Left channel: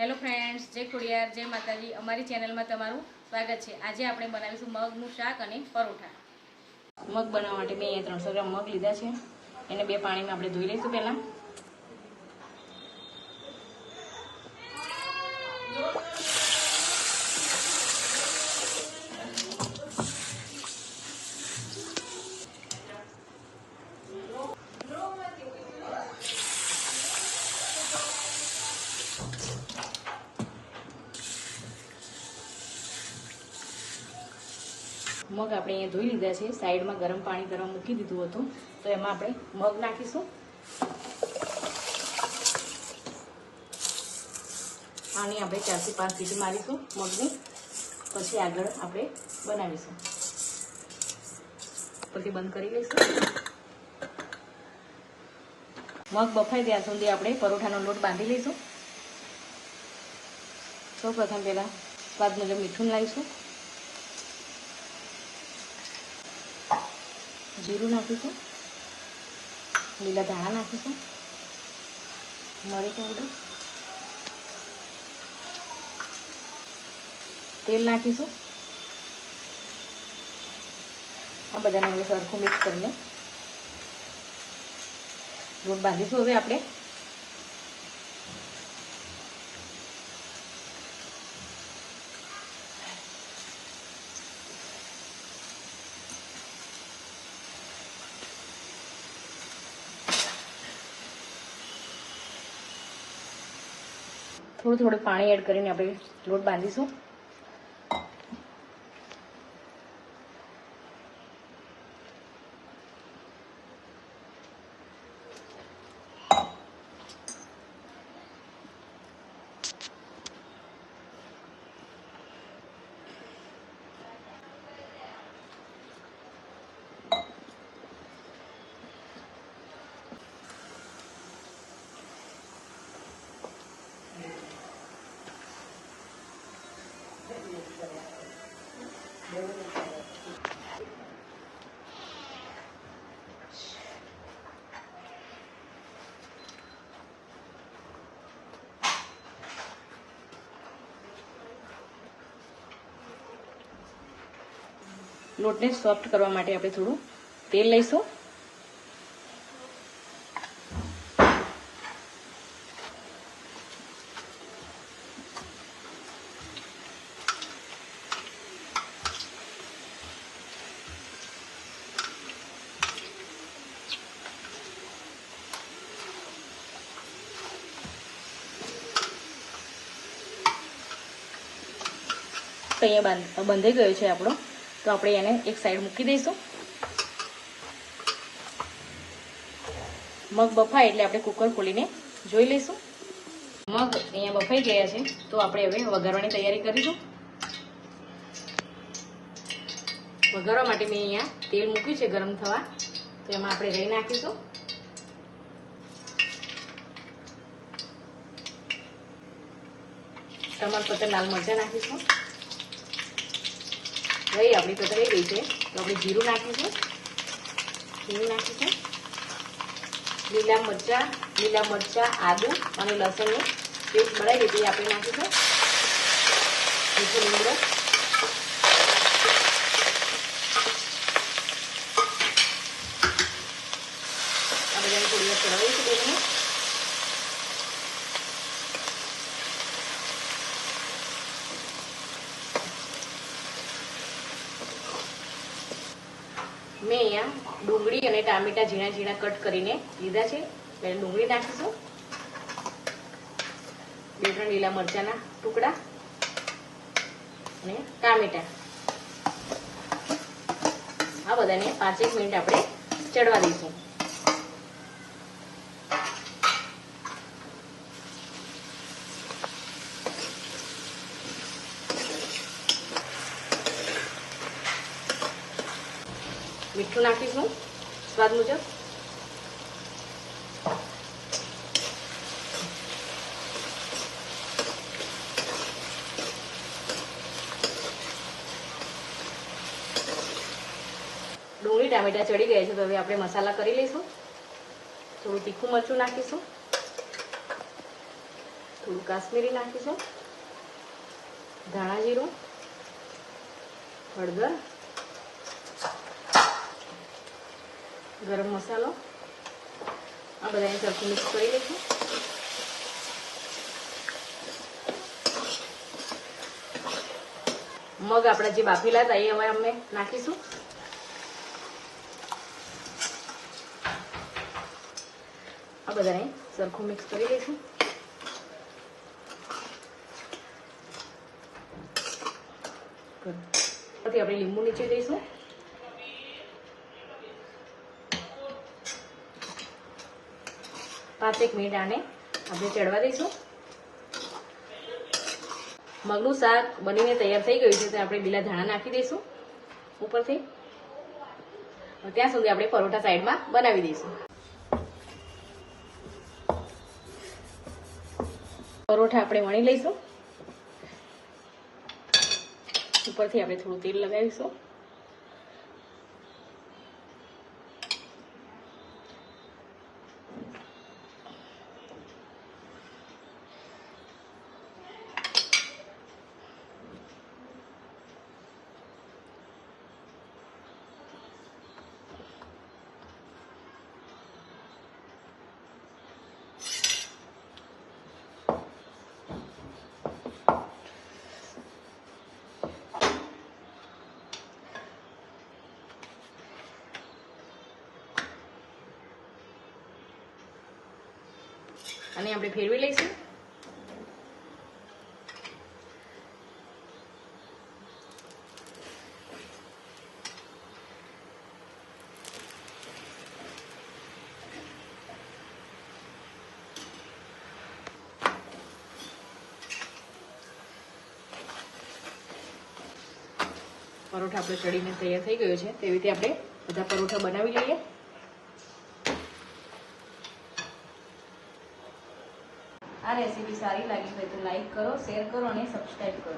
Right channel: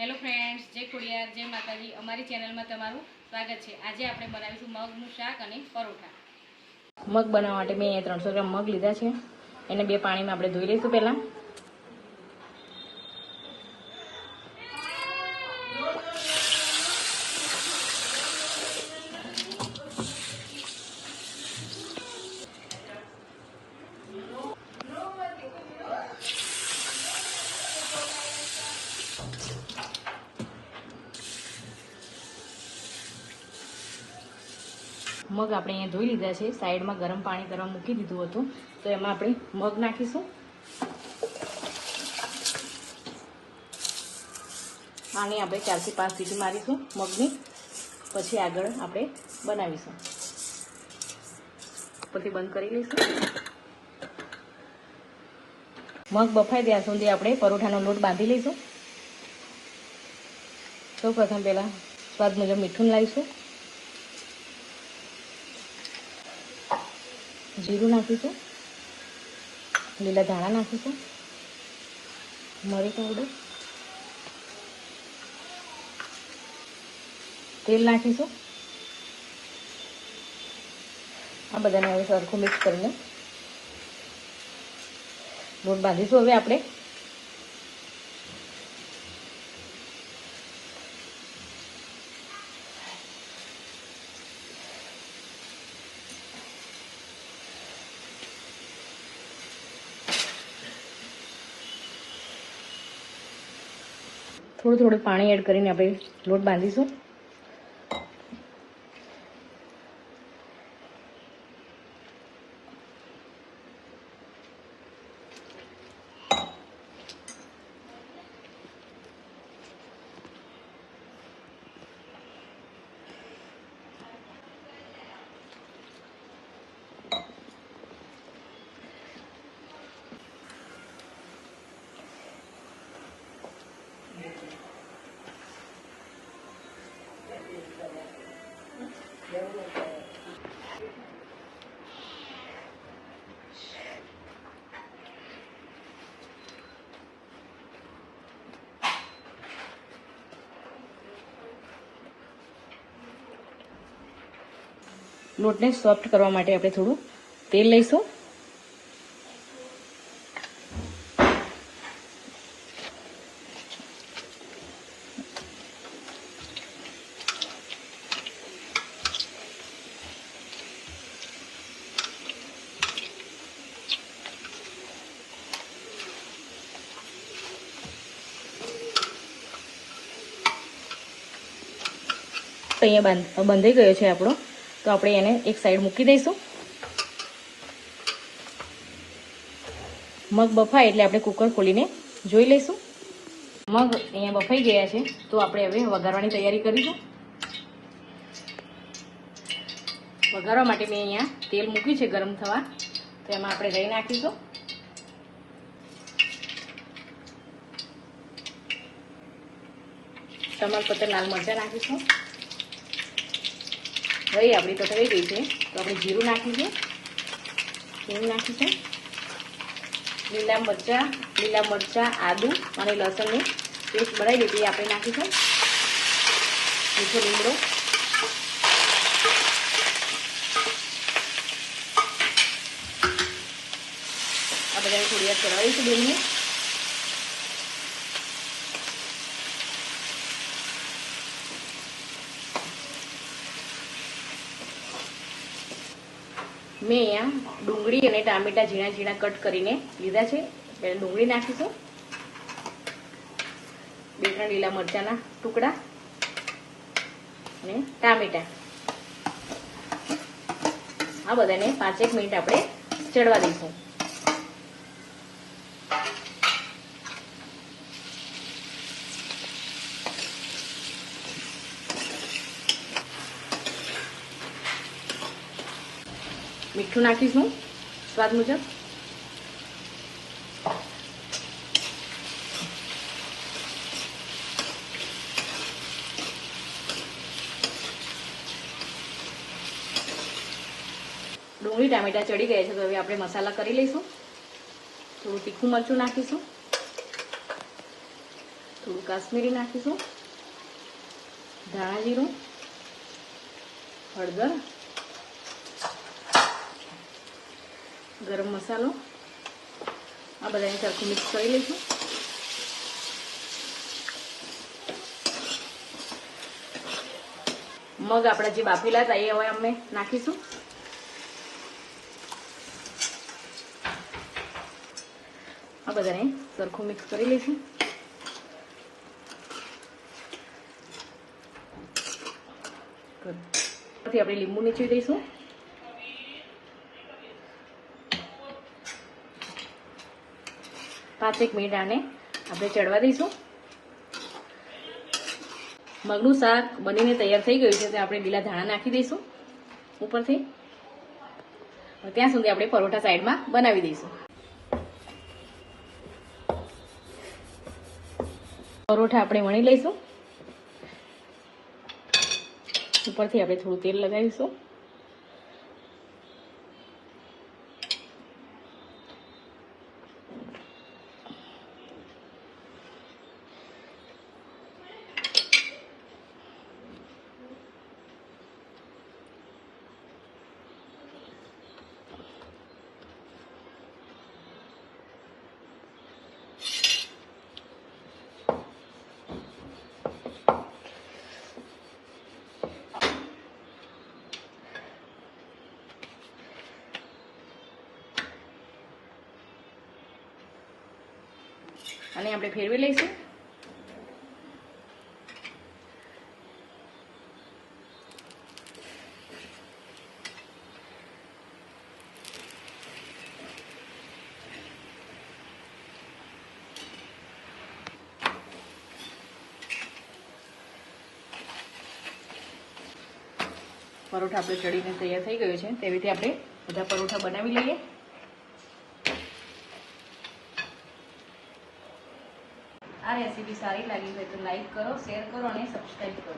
Hello friends, જય ખોડિયાર, જય માતાજી. અમારી ચેનલમાં તમારું સ્વાગત છે. આજે આપણે બનાવીશું મગનું શાક અને પરોઠા. મગ બનાવવા માટે મેં અહીંયા 300 ગ્રામ મગ લીધા છે. એને 2 પાણીમાં આપણે ધોઈ લઈશું. પહેલાં મગ આપણે અહીંયા ધોઈ લીધા છે. સાઈડમાં ગરમ પાણી કરવા મૂકી દીધું હતું, તો એમાં આપણે મગ નાખીશું. આની આપણે 4 થી 5 સીટી મારીશું મગની, પછી આગળ આપણે બનાવીશું. પછી બંધ કરી લઈશું. મગ બફાય ત્યાં સુધી આપણે પરોઠાનો લોટ બાંધી લઈશું. સૌ પ્રથમ પહેલાં સ્વાદ મુજબ મીઠું લાવીશું, જીરું નાખીશું, લીલા ધાણા નાખીશું, મરી પાવડર, તેલ નાખીશું. આ બધાને હવે સરખું મિક્સ કરીને લોટ બાંધીશું. હવે આપણે થોડું પાણી એડ કરીને આપણે લોટ બાંધીશું. લોટને સોફ્ટ કરવા માટે આપણે થોડું તેલ લઈશું. અહીંયા બંધાઈ ગયો છે આપણો, તો આપણે એને એક સાઈડ મૂકી દઈશું. મગ બફાય એટલે આપણે કુકર ખોલીને જોઈ લઈશું. મગ અહીંયા બફાઈ ગયા છે, તો આપણે હવે વઘારવાની તૈયારી કરીશું. વઘારવા માટે મેં અહીંયા તેલ મૂક્યું છે ગરમ થવા, તો એમાં આપણે રાઈ નાખીશું. ટમાટર, લાલ મરચાં નાખીશું. રાઈ આપણી પકડાઈ ગઈ છે, તો આપણે જીરું નાખીશું, હિંગ નાખીશું, લીલા મરચાં, આદુ અને લસણની પેસ્ટ બનાવી દીધી આપણે નાખીશું. મીઠો લીમડો, આ બધાને થોડી વાર ચલાવીશું બંને. મેં અહીંયા ડુંગળી અને ટામેટા ઝીણા ઝીણા કટ કરીને લીધા છે. પહેલાં ડુંગળી નાખીશું, 2-3 લીલા મરચાંના ટુકડા અને ટામેટા. આ બધાને 5-1 મિનિટ આપણે ચડવા દઈશું. મીઠું નાખીશું સ્વાદ મુજબ. ડુંગળી ટામેટા ચડી ગયા છે, તો હવે આપણે મસાલા કરી લઈશું. થોડું તીખું મરચું નાખીશું, થોડું કાશ્મીરી નાખીશું, ધાણા જીરું, હળદર, ગરમ મસાલો આ બધાને સરખું મિક્સ કરી લઈશું. મગ આપણે જે બાફેલા હતા એ હવે અમે નાખીશું. આ બધાને સરખું મિક્સ કરી લઈશું. પછી આપણે લીંબુ નીચવી દઈશું. પાંચેક મિનિટ આને આપણે ચડવા દઈશું. મગનું શાક બનીને તૈયાર થઈ ગયું છે, તો આપણે લીલા ધાણા નાખી દઈશું ઉપરથી. ત્યાં સુધી આપણે પરોઠા સાઈડમાં બનાવી દઈશું. પરોઠા આપણે વણી લઈશું. ઉપરથી આપણે થોડું તેલ લગાવીશું. અને આપણે ફેરવી લઈશું. પરોઠા આપણે ચડીને તૈયાર થઈ ગયું છે, તેવી રીતે આપણે બધા પરોઠા બનાવી લઈએ. આ રેસીપી સારી લાગી હોય તો લાઈક કરો, શેર કરો અને સબસ્ક્રાઈબ કરો.